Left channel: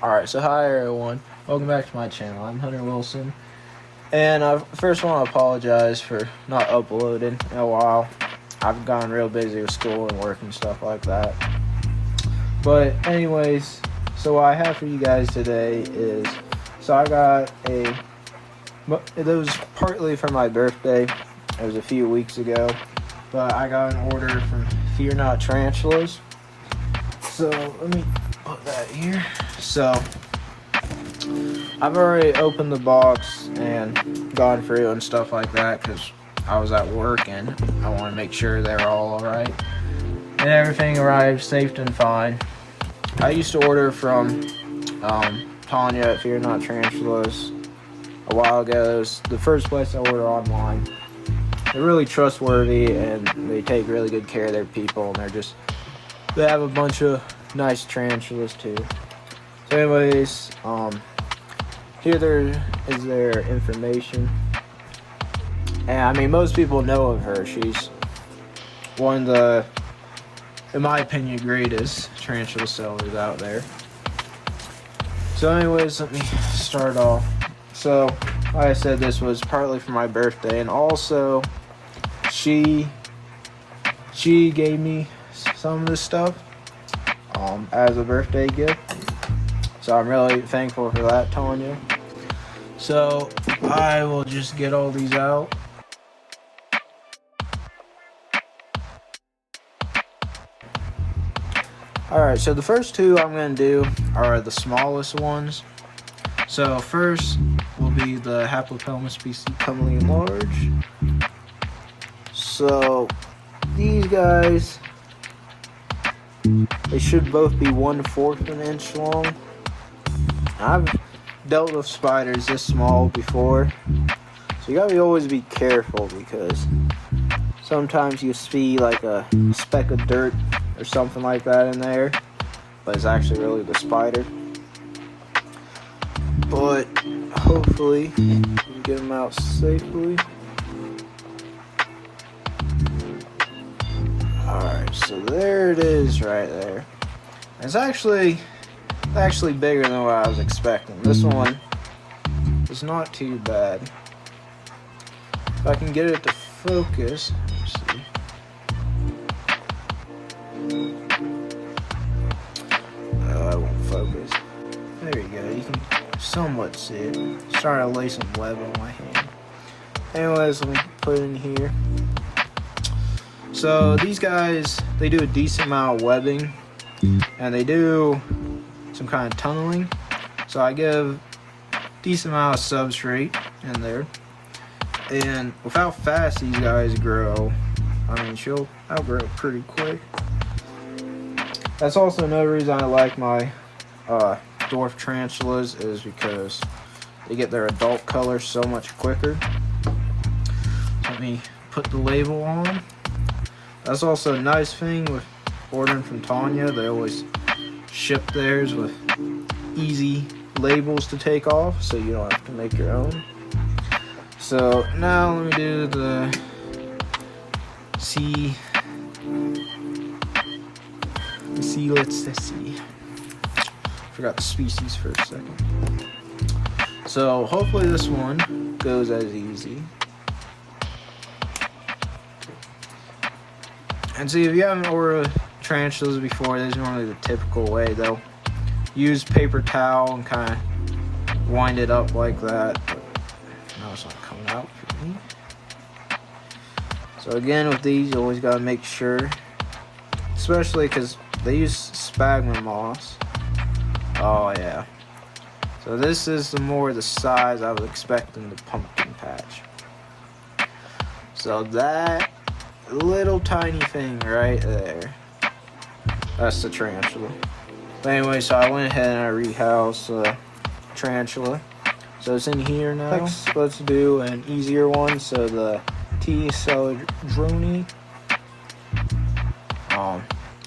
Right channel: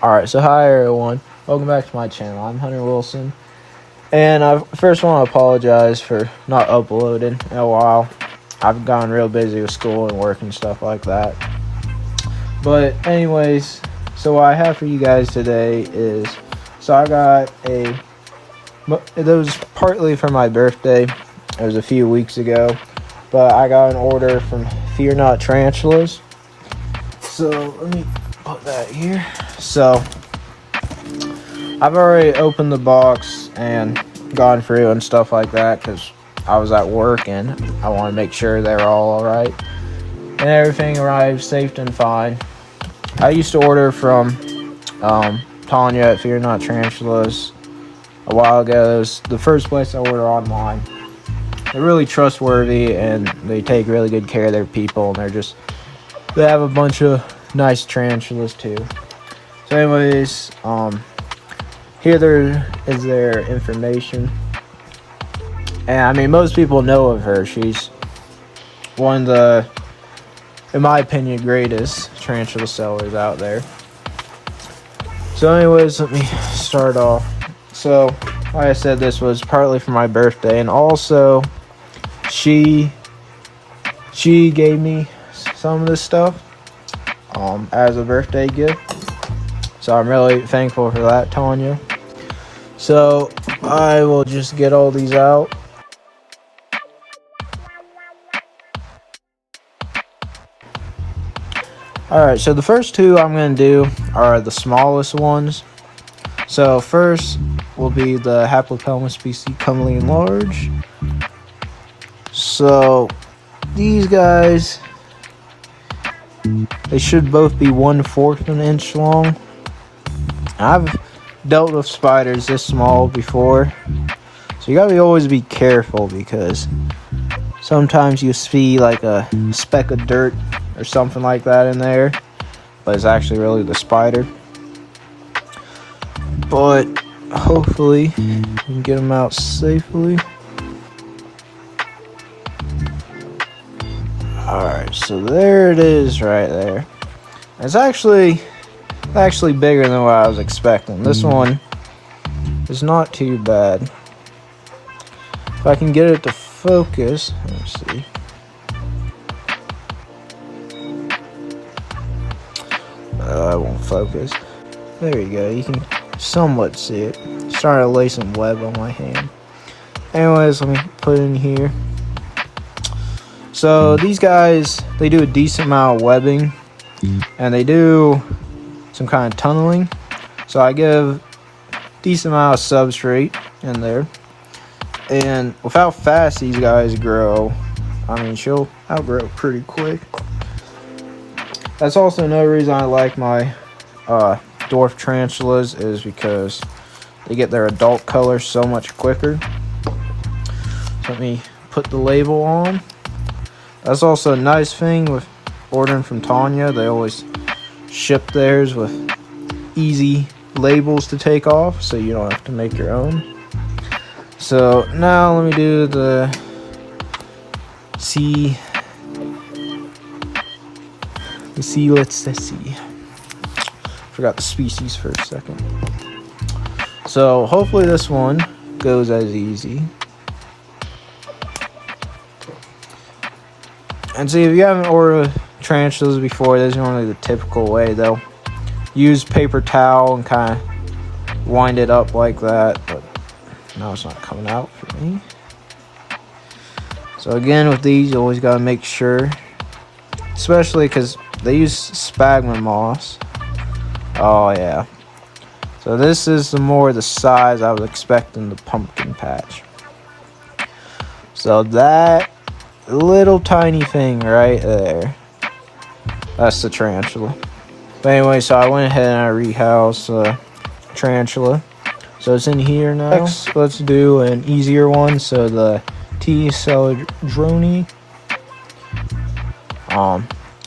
Alright, so hi everyone. Welcome back to my channel. I'm Hunter Wilson. And I first want to apologize for not uploading in a while. I've gotten real busy with school and work and stuff like that. But anyways, so what I have for you guys today is, so I got it was partly for my birthday. It was a few weeks ago. But I got an order from Pterinochilus. So let me put that here. So I've already opened the box and gone through and stuff like that because I was at work and I want to make sure they're all alright. And everything arrived safe and fine. I used to order from Tanya at Pterinochilus a while ago. It was the first place I ordered online. They're really trustworthy and they take really good care of their people, and they have a bunch of nice tarantulas too. So anyways, here there is their information. And I mean, most people know of her. She's one of the, in my opinion, greatest tarantula sellers out there. So anyways, let me start off. So, like I said, this was partly for my birthday, and also she gave me some of this stuff as a birthday gift. So I'm really thankful for that, Tanya. So I will just get all these out. Alright, so the first two I'm going to do are the smallest ones. So first will be the Hapalopus species commonly large. So these guys, they should both be 1/4 of an inch long. I've dealt with spiders this small before, so you gotta always be careful because sometimes you see like a speck of dirt or something like that in there, but it's actually really the spider. But hopefully you can get them out safely. Alright, so there it is right there. It's actually bigger than what I was expecting. This one is not too bad. If I can get it to focus, let's see. I won't focus. There we go. You can somewhat see it. It's trying to lay some web on my hand. Anyways, let me put it in here. So these guys, they do a decent amount of webbing, and they do some kind of tunneling. So I give a decent amount of substrate in there. And with how fast these guys grow, I mean, she'll outgrow pretty quick. That's also another reason I like my dwarf tarantulas, is because they get their adult color so much quicker. So let me put the label on. That's also a nice thing with ordering from Tanya. They always ship theirs with easy labels to take off, so you don't have to make your own. So now let me do the let's see. Forgot the species for a second. So hopefully this one goes as easy. And see, if you haven't ordered tarantulas before, this is only the typical way. They'll use paper towel and kind of wind it up like that. But now it's not coming out for me. So again, with these, you always gotta make sure, especially because they use sphagnum moss. Oh yeah. So this is the size I was expecting the pumpkin patch. So that little tiny thing right there, that's the tarantula. But anyway, so I went ahead and I rehoused tarantula. So it's in here now. Next, let's do an easier one. So the T. celadroni.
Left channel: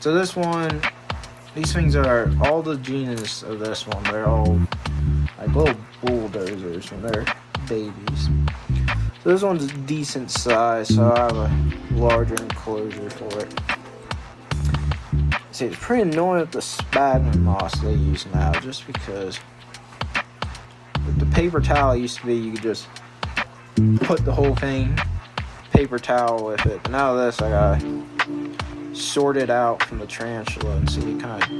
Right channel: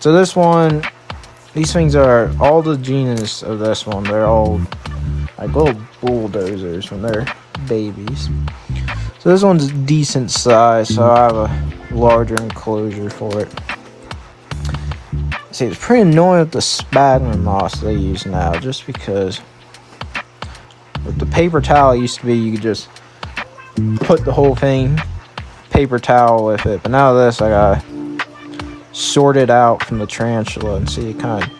So this one, these things are all the genus of this one. They're all like little bulldozers when they're babies. So this one's decent size, so I have a larger enclosure for it. see, it's pretty annoying with the sphagnum moss they use now, just because with the paper towel, it used to be you could just put the whole thing paper towel with it, but now this I gotta sort it out from the tarantula and see it kind of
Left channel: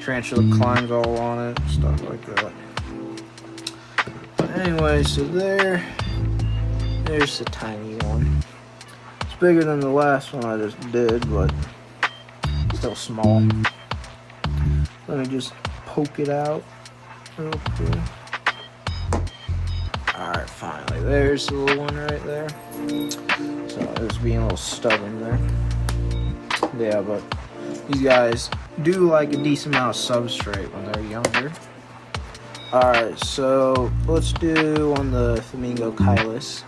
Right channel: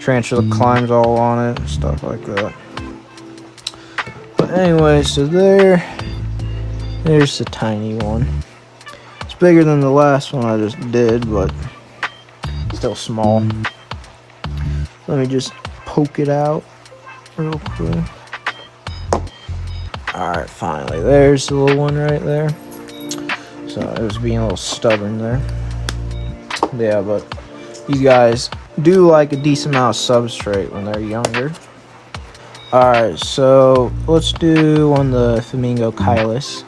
tarantula climbs all on it and stuff like that. But anyway, so there's the tiny one. It's bigger than the last one I just did, but still small. Let me just poke it out real quick. Alright, finally, there's the little one right there. So it was being a little stubborn there. Yeah, but these guys do like a decent amount of substrate when they're younger. Alright, so let's do on the Phormingochilus.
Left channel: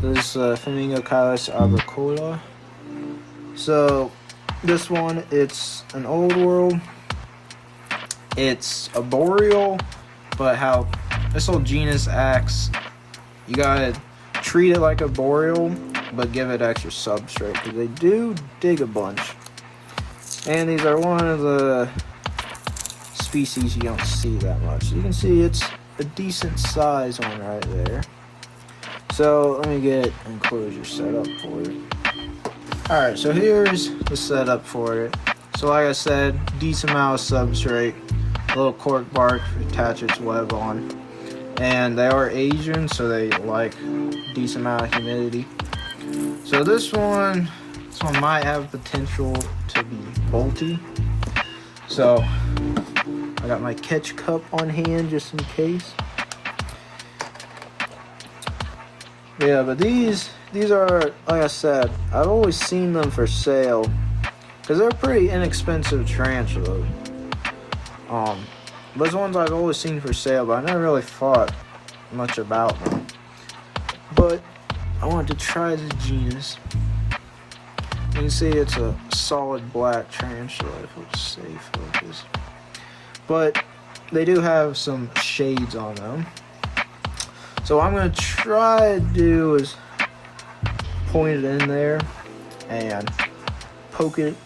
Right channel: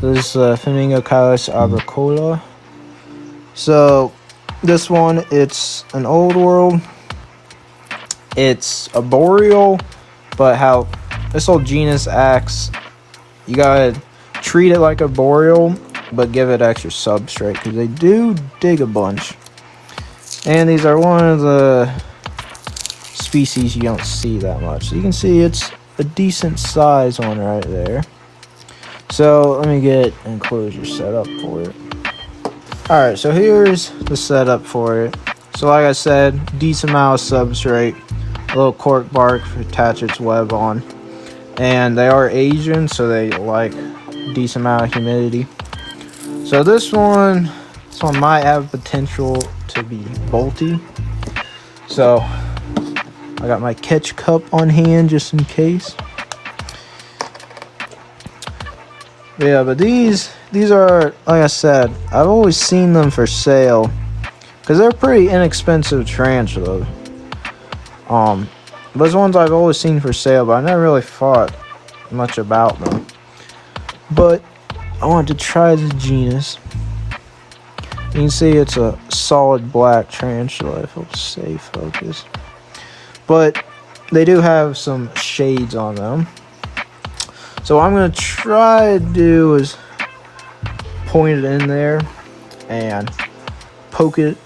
So this is Phormingochilus arboricola. So this one, it's an old world. It's arboreal, but how this whole genus acts, you gotta treat it like arboreal, but give it extra substrate, because they do dig a bunch. And these are one of the species you don't see that much. So you can see it's a decent size one right there. So let me get enclosure set up for it. Alright, so here's the setup for it. So like I said, decent amount of substrate, a little cork bark to attach its web on. And they are Asian, so they like a decent amount of humidity. So this one might have potential to be bolty. So I got my catch cup on hand just in case. Yeah, but these are, like I said, I've always seen them for sale because they're pretty inexpensive tarantulas. Those ones I've always seen for sale, but I never really thought much about them. But I wanted to try the genus. You can see it's a solid black tarantula, if it'll stay focused. But they do have some shades on them. So what I'm going to try to do is point it in there and poke it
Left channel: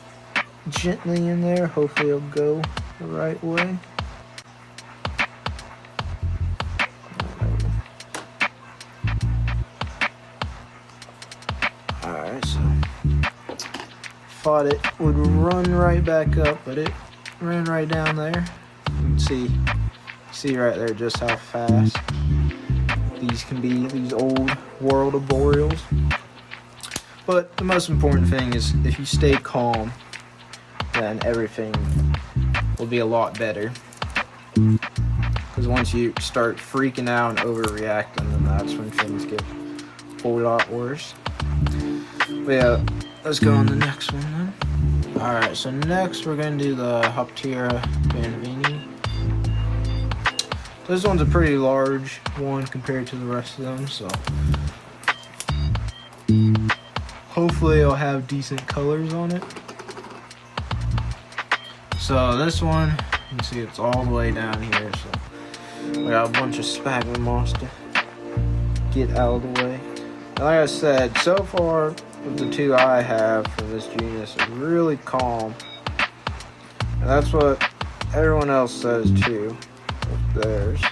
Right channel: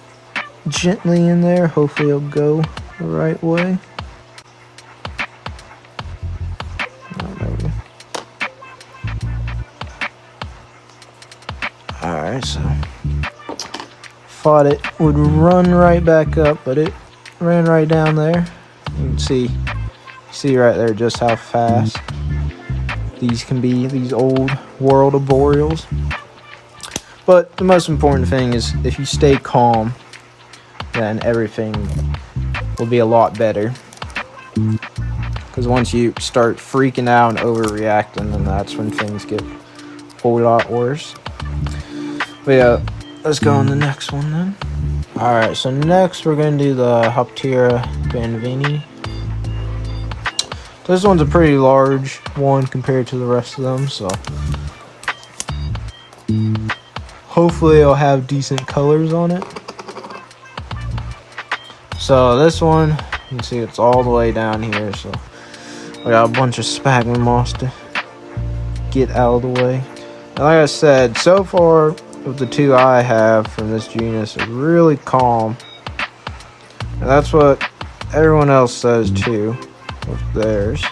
gently in there. Hopefully it'll go the right way. Alright, so thought it would run right back up, but it ran right down there. You can see right there just how fast these can be, these old world arboreals. But the most important thing is if you stay calm, then everything will be a lot better. Because once you start freaking out and overreacting, then that's when things get a whole lot worse. But yeah, let's go on the next one then. Alright, so next we're going to do the Harpactira baviana. This one's a pretty large one compared to the rest of them, so hopefully it'll have decent colors on it. So this one, you can see it's all the way down here, so we got a bunch of sphagnum moss to get out of the way. And like I said, so far with the two I have from this genus, it's really calm. And that's what everyone else says too. Theirs,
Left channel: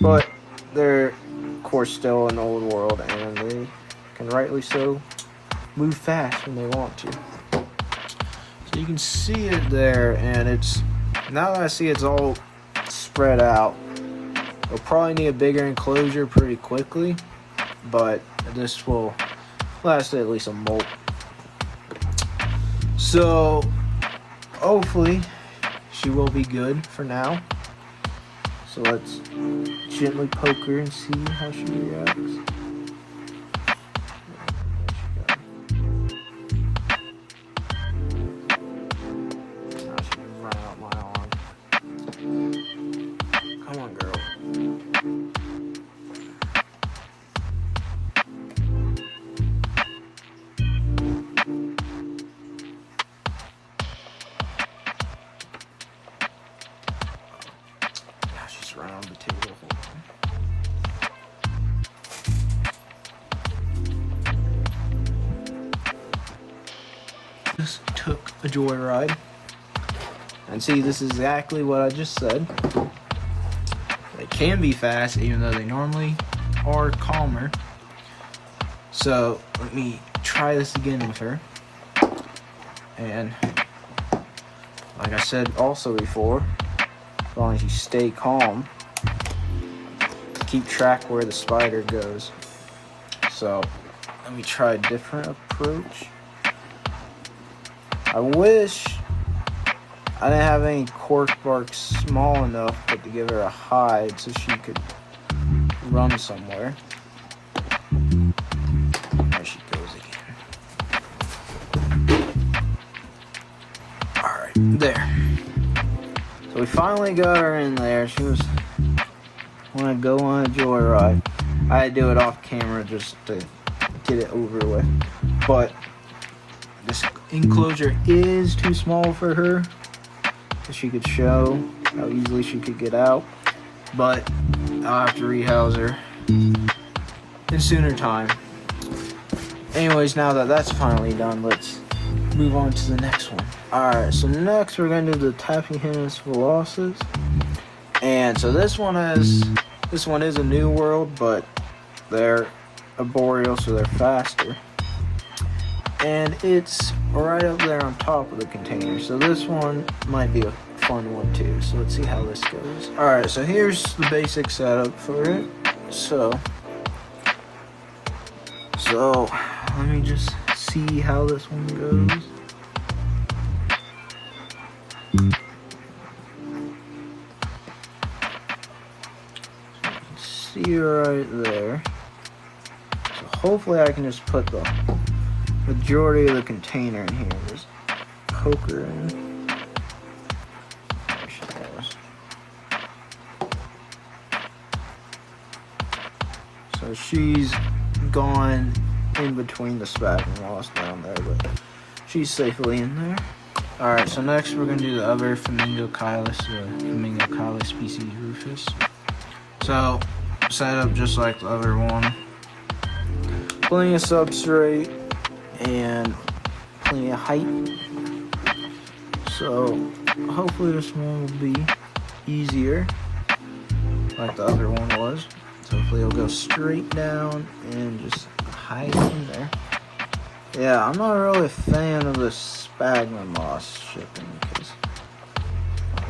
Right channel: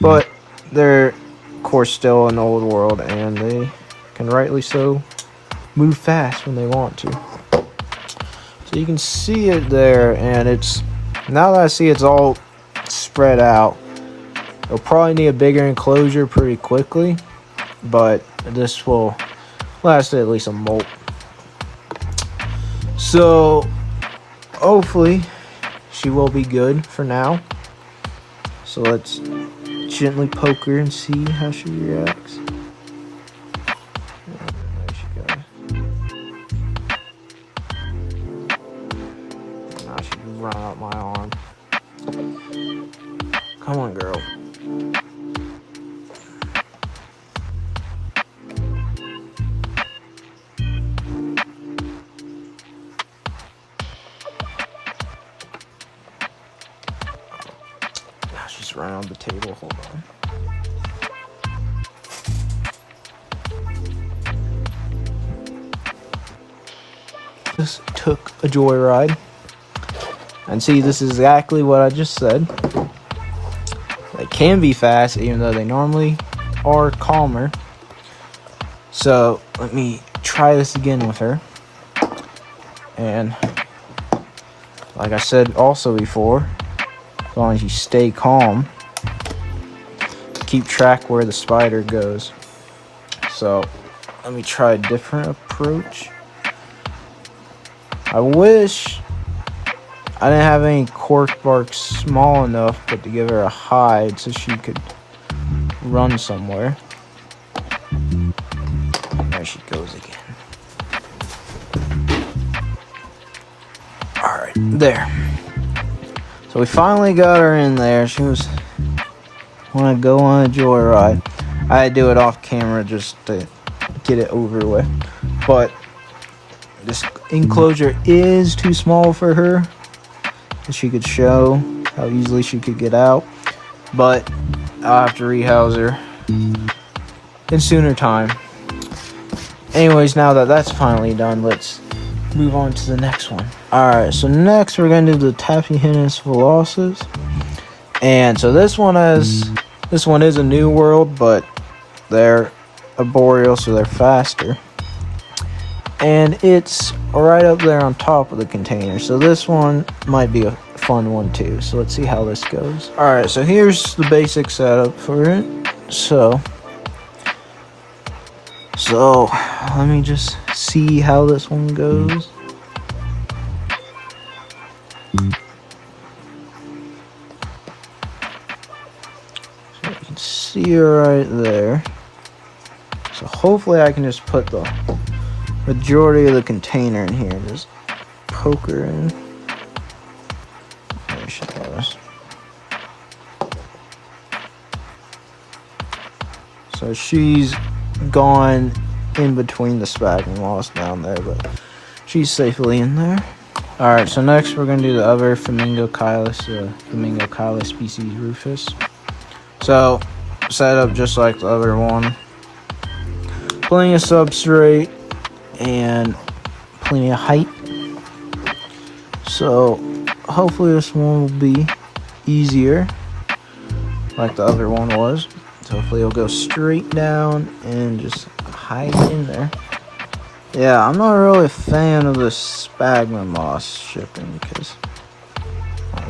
but they're of course still an old world, and they can rightly so move fast when they want to. So you can see it there, and it's now that I see it's all spread out, it'll probably need a bigger enclosure pretty quickly, but this will last at least a molt. So hopefully she will be good for now. So let's gently poke her and see how she reacts. Now she run out my arm. Come on, girl. Right on the table. Hold on. Just took a joyride. And see, this is exactly what I just said. They can be fast, even though they normally are calmer. So let me try this again with her. And like I said also before, as long as you stay calm, keep track where the spider goes. So let me try a different approach. I wish I didn't have any cork bark small enough but to give her a hide so she could run somewhere. There she goes again. Alright, there. So we finally got her in there. She was want to go on a joyride. I had to do it off camera just to get it over with. But this enclosure is too small for her. She could show how easily she could get out. But I'll have to rehouse her in sooner time. Anyways, now that that's finally done, let's move on to the next one. Alright, so next we're going to do the Tapinauchenius violaceus. And so this one is a new world, but they're arboreal, so they're faster. And it's right up there on top of the container. So this one might be a fun one too. So let's see how this goes. Alright, so here's the basic setup for it. So let me just see how this one goes. So you can see her right there. So hopefully I can just put the majority of the container in here. Just poke her in. There she goes. So she's gone in between the sphagnum moss down there, but she's safely in there. Alright, so next we're going to do the other Phormingochilus, Phormingochilus species rufus. So, set up just like the other one. Plenty of substrate and plenty of height. So hopefully this one will be easier like the other one was. So hopefully it'll go straight down and just hide in there. Yeah, I'm not really a fan of the sphagnum moss shipping because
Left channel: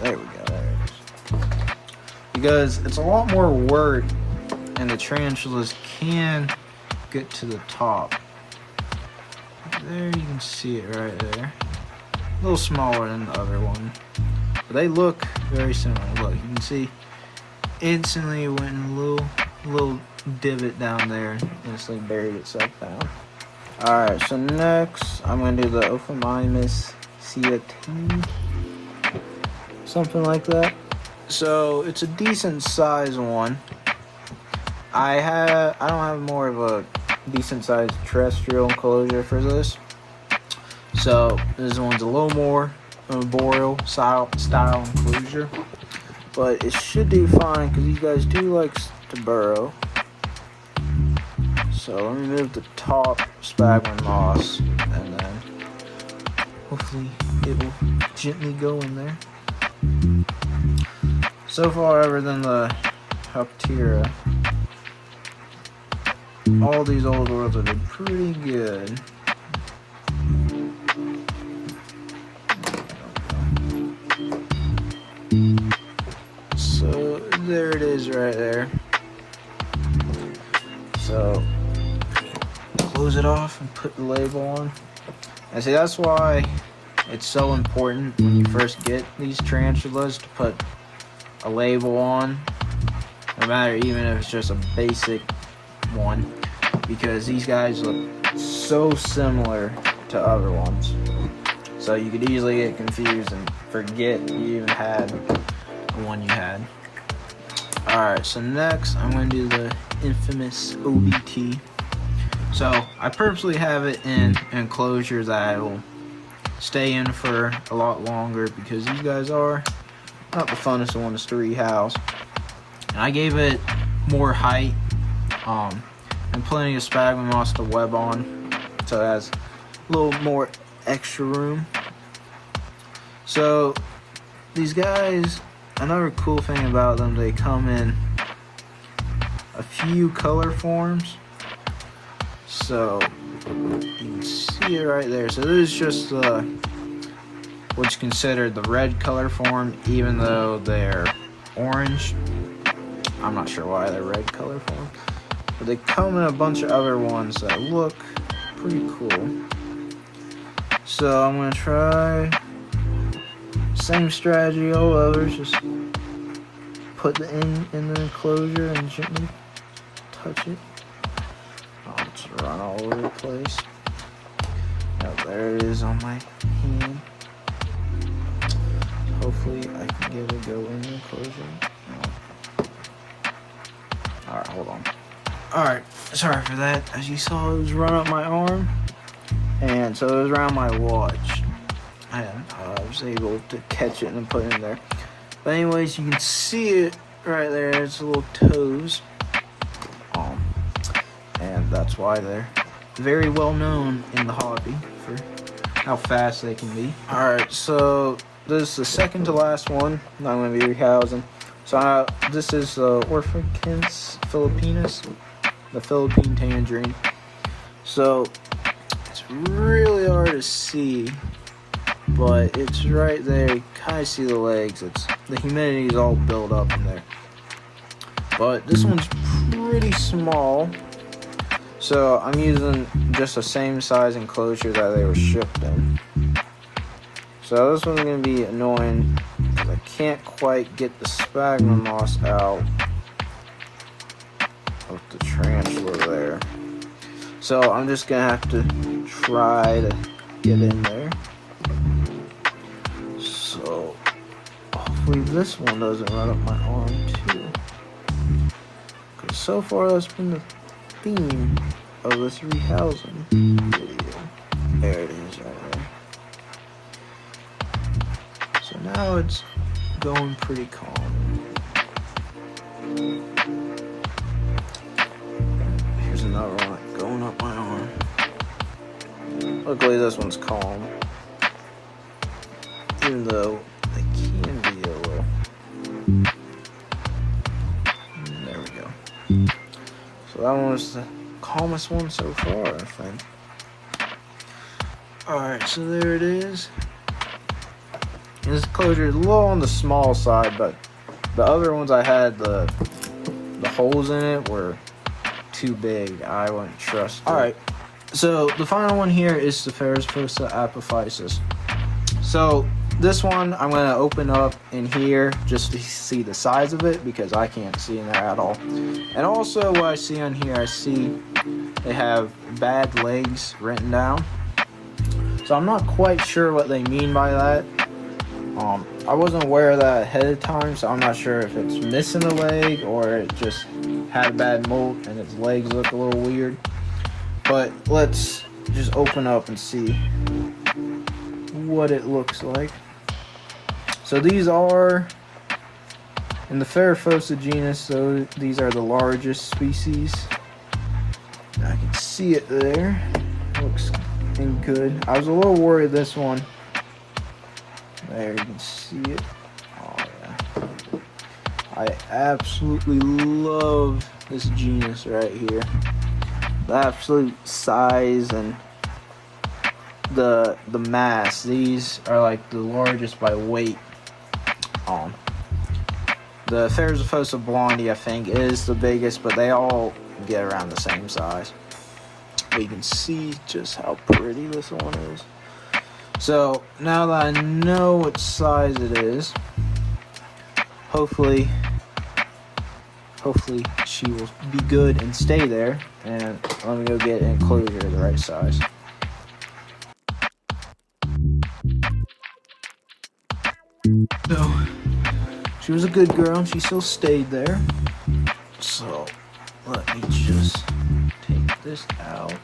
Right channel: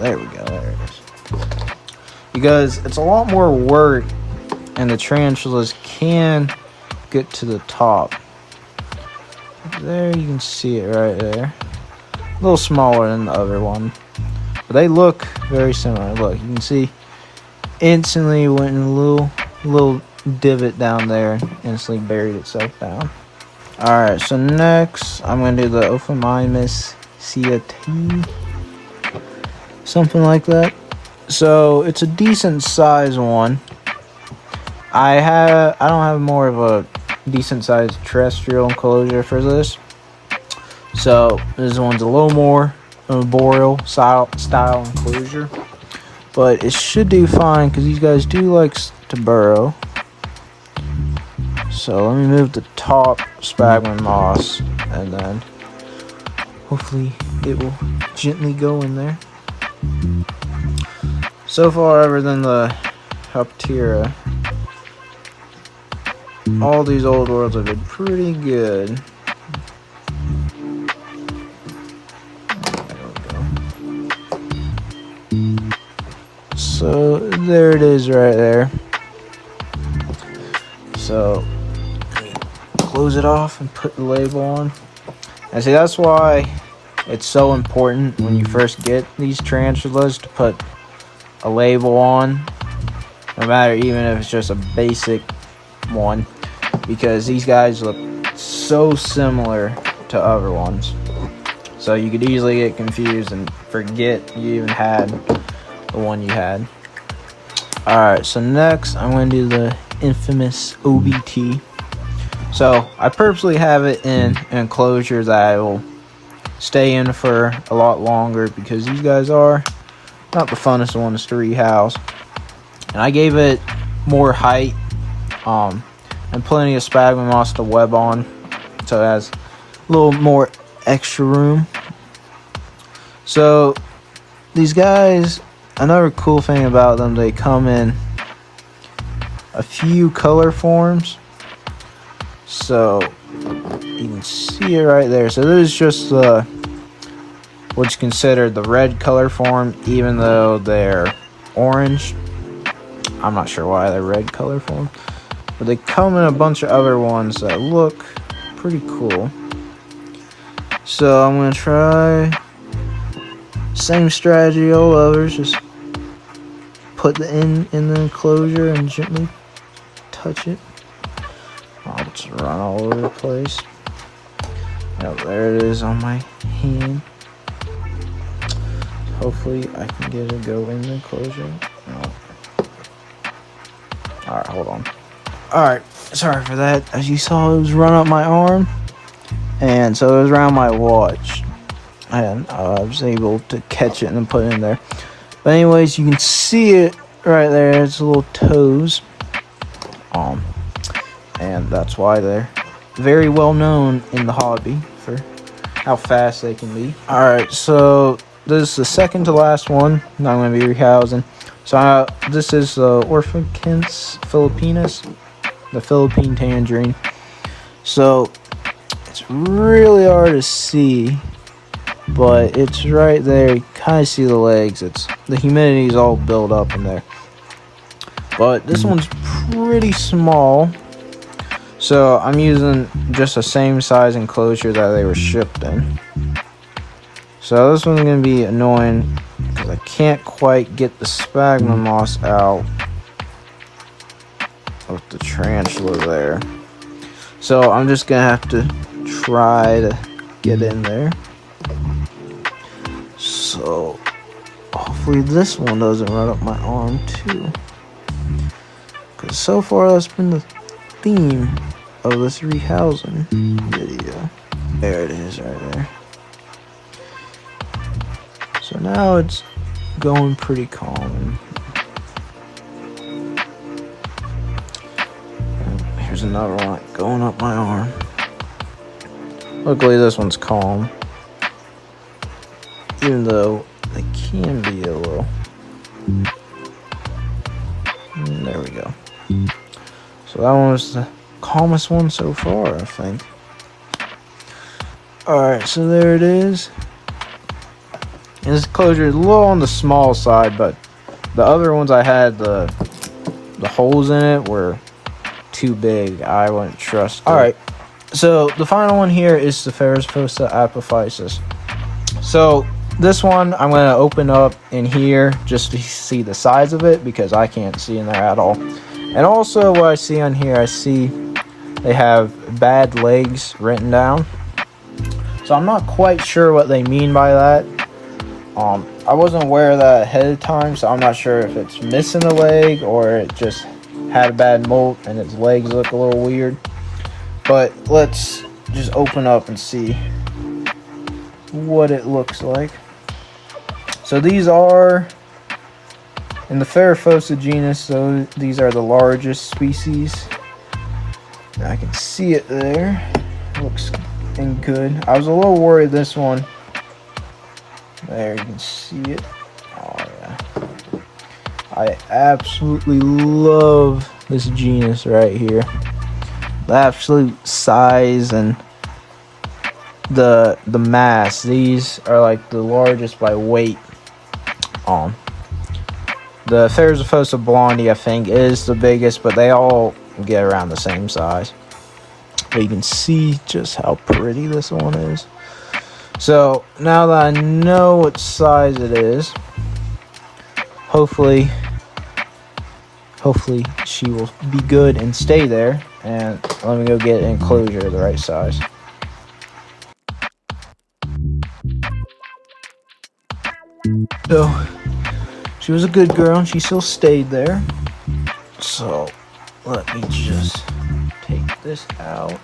there we go, there it is. Because it's a lot more work and the tarantulas can get to the top. There you can see it right there. A little smaller than the other one, but they look very similar. Look, you can see instantly went in a little divot down there and instantly buried itself down. Alright, so next I'm going to do the Omothymus schioedtei, something like that. So it's a decent size one. I don't have more of a decent sized terrestrial enclosure for this. So this one's a little more arboreal style enclosure. But it should do fine because these guys do like to burrow. So let me move the top sphagnum moss and then hopefully it will gently go in there. So far, other than the Harpactira, all these old worlds have been pretty good. So there it is right there. So close it off and put the label on. And see, that's why it's so important when you first get these tarantulas to put a label on, no matter even if it's just a basic one, because these guys look so similar to other ones. So you could easily get confused and forget you even had the one you had. Alright, so next I'm going to do the infamous OBT. So I purposely have it in an enclosure that I will stay in for a lot longer because these guys are not the funnest ones to rehouse. And I gave it more height and plenty of sphagnum moss to web on, so it has a little more extra room So these guys, another cool thing about them, they come in a few color forms. So you can see it right there. So this is just what's considered the red color form, even though they're orange. I'm not sure why they're red color form, but they come in a bunch of other ones that look pretty cool. So I'm gonna try same strategy all others, just put the end in the enclosure and gently touch it. I'll just run all over the place. Oh, there it is on my hand. Hopefully I can get it go in the enclosure. No. Alright, hold on. Alright, sorry for that. As you saw, it was run up my arm. And so it was around my watch. And I was able to catch it and put it in there. But anyways, you can see it right there. It's little toes. And that's why they're very well known in the hobby for how fast they can be. Alright, so this is the second to last one that I'm going to be rehousing. So this is the Omothymus Philippinus, the Philippine tangerine. So it's really hard to see, but it's right there. You kind of see the legs. The humidity is all built up in there. But this one's pretty small. So I'm using just the same size enclosure that they were shipped in. So this one's going to be annoying because I can't quite get the sphagnum moss out of the tarantula there. So I'm just going to have to try to get in there. So hopefully this one doesn't run up my arm too. Because so far that's been the theme of this rehousing video. There it is right there. So now it's going pretty calm. Here's another one going up my arm. Luckily this one's calm, even though it can be a little. There we go. So that one was the calmest one so far, I think. Alright, so there it is. And this closure is a little on the small side, but the other ones I had, the holes in it were too big. I wouldn't trust it. Alright, so the final one here is the Theraphosa apophysis. So this one I'm going to open up in here just to see the size of it, because I can't see in there at all. And also what I see on here, I see they have bad legs written down. So I'm not quite sure what they mean by that. I wasn't aware of that ahead of time, so I'm not sure if it's missing a leg or it just had a bad molt and its legs look a little weird. But let's just open up and see what it looks like. So these are in the Theraphosa genus, so these are the largest species. I can see it there. Looks good. I was a little worried this one. There, you can see it. Oh, yeah. I absolutely love this genus right here. The absolute size and the mass. These are like the largest by weight. The Theraphosa blondie, I think, is the biggest, but they all get around the same size. But you can see just how pretty this one is. So now that I know what size it is, hopefully she will be good and stay there. And let me go get an enclosure the right size. So she was a good girl and she still stayed there. So let me just take this out.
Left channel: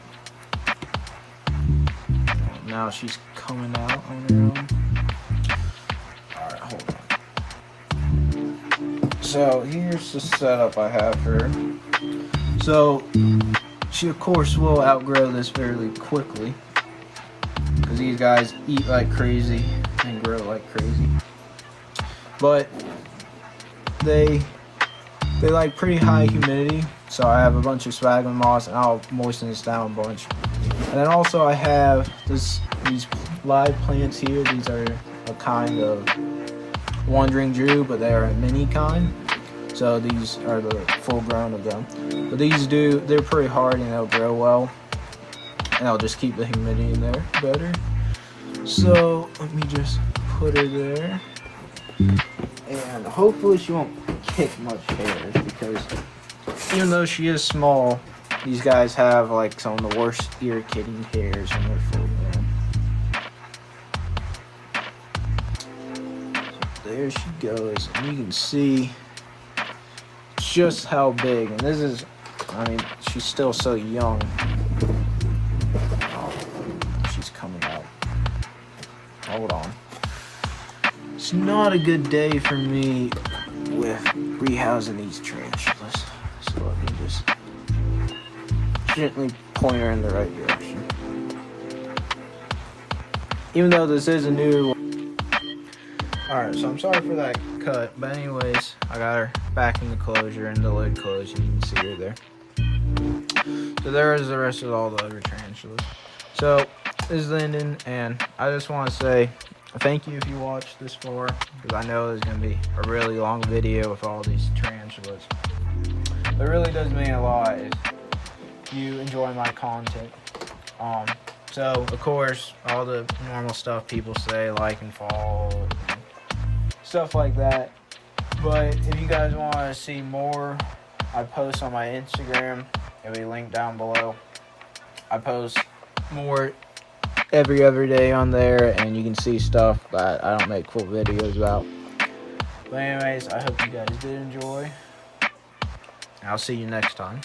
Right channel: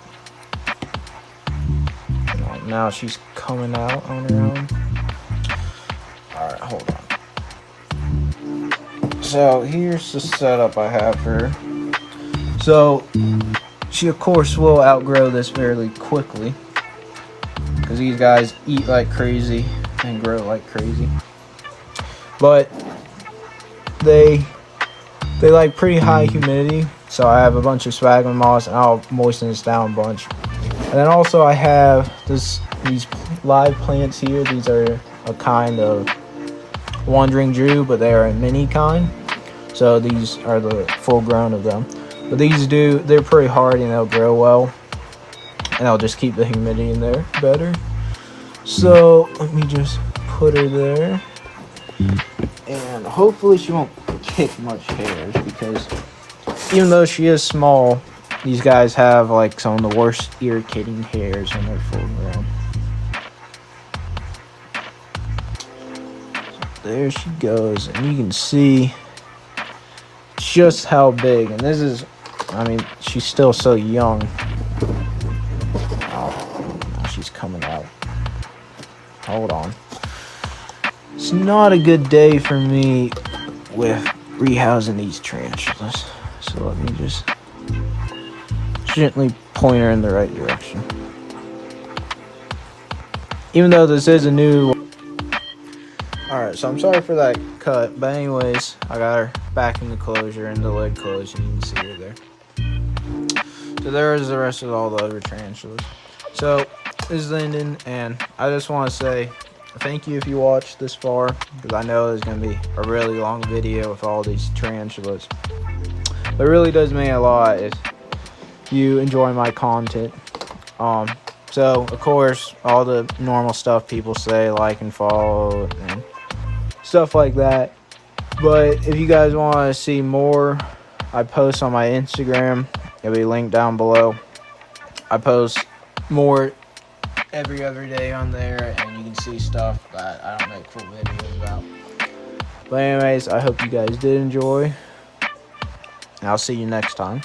Now she's coming out on her own. Alright, hold on. So here's the setup I have for her. So she of course will outgrow this fairly quickly, because these guys eat like crazy and grow like crazy. But they like pretty high humidity, so I have a bunch of sphagnum moss, and I'll moisten this down a bunch. And then also I have these live plants here. These are a kind of wandering Jew, but they are a mini kind. So these are the full grown of them. But they're pretty hard and they'll grow well. And they'll just keep the humidity in there better. So let me just put her there. And hopefully she won't kick much hairs, because even though she is small, these guys have like some of the worst irritating hairs on their full grown. There she goes, and you can see just how big. And this is, I mean, she's still so young. She's coming out. Hold on. It's not a good day for me with rehousing these tarantulas. So let me just gently point her in the right direction. Even though this is a new... Alright, so I'm sorry for that cut, but anyways, I got her back in the closure, and the lid closed, and you can see her there. So there is the rest of all the other tarantulas. So, this is Lyndon, and I just want to say thank you if you watched this far, because I know there's going to be a really long video with all these tarantulas. But it really does mean a lot if you enjoy my content. So, of course, all the normal stuff people say, like and follow, and stuff like that. But if you guys want to see more, I post on my Instagram. It'll be linked down below. I post more every other day on there, and you can see stuff that I don't make full videos about. But anyways, I hope you guys did enjoy, and I'll see you next time.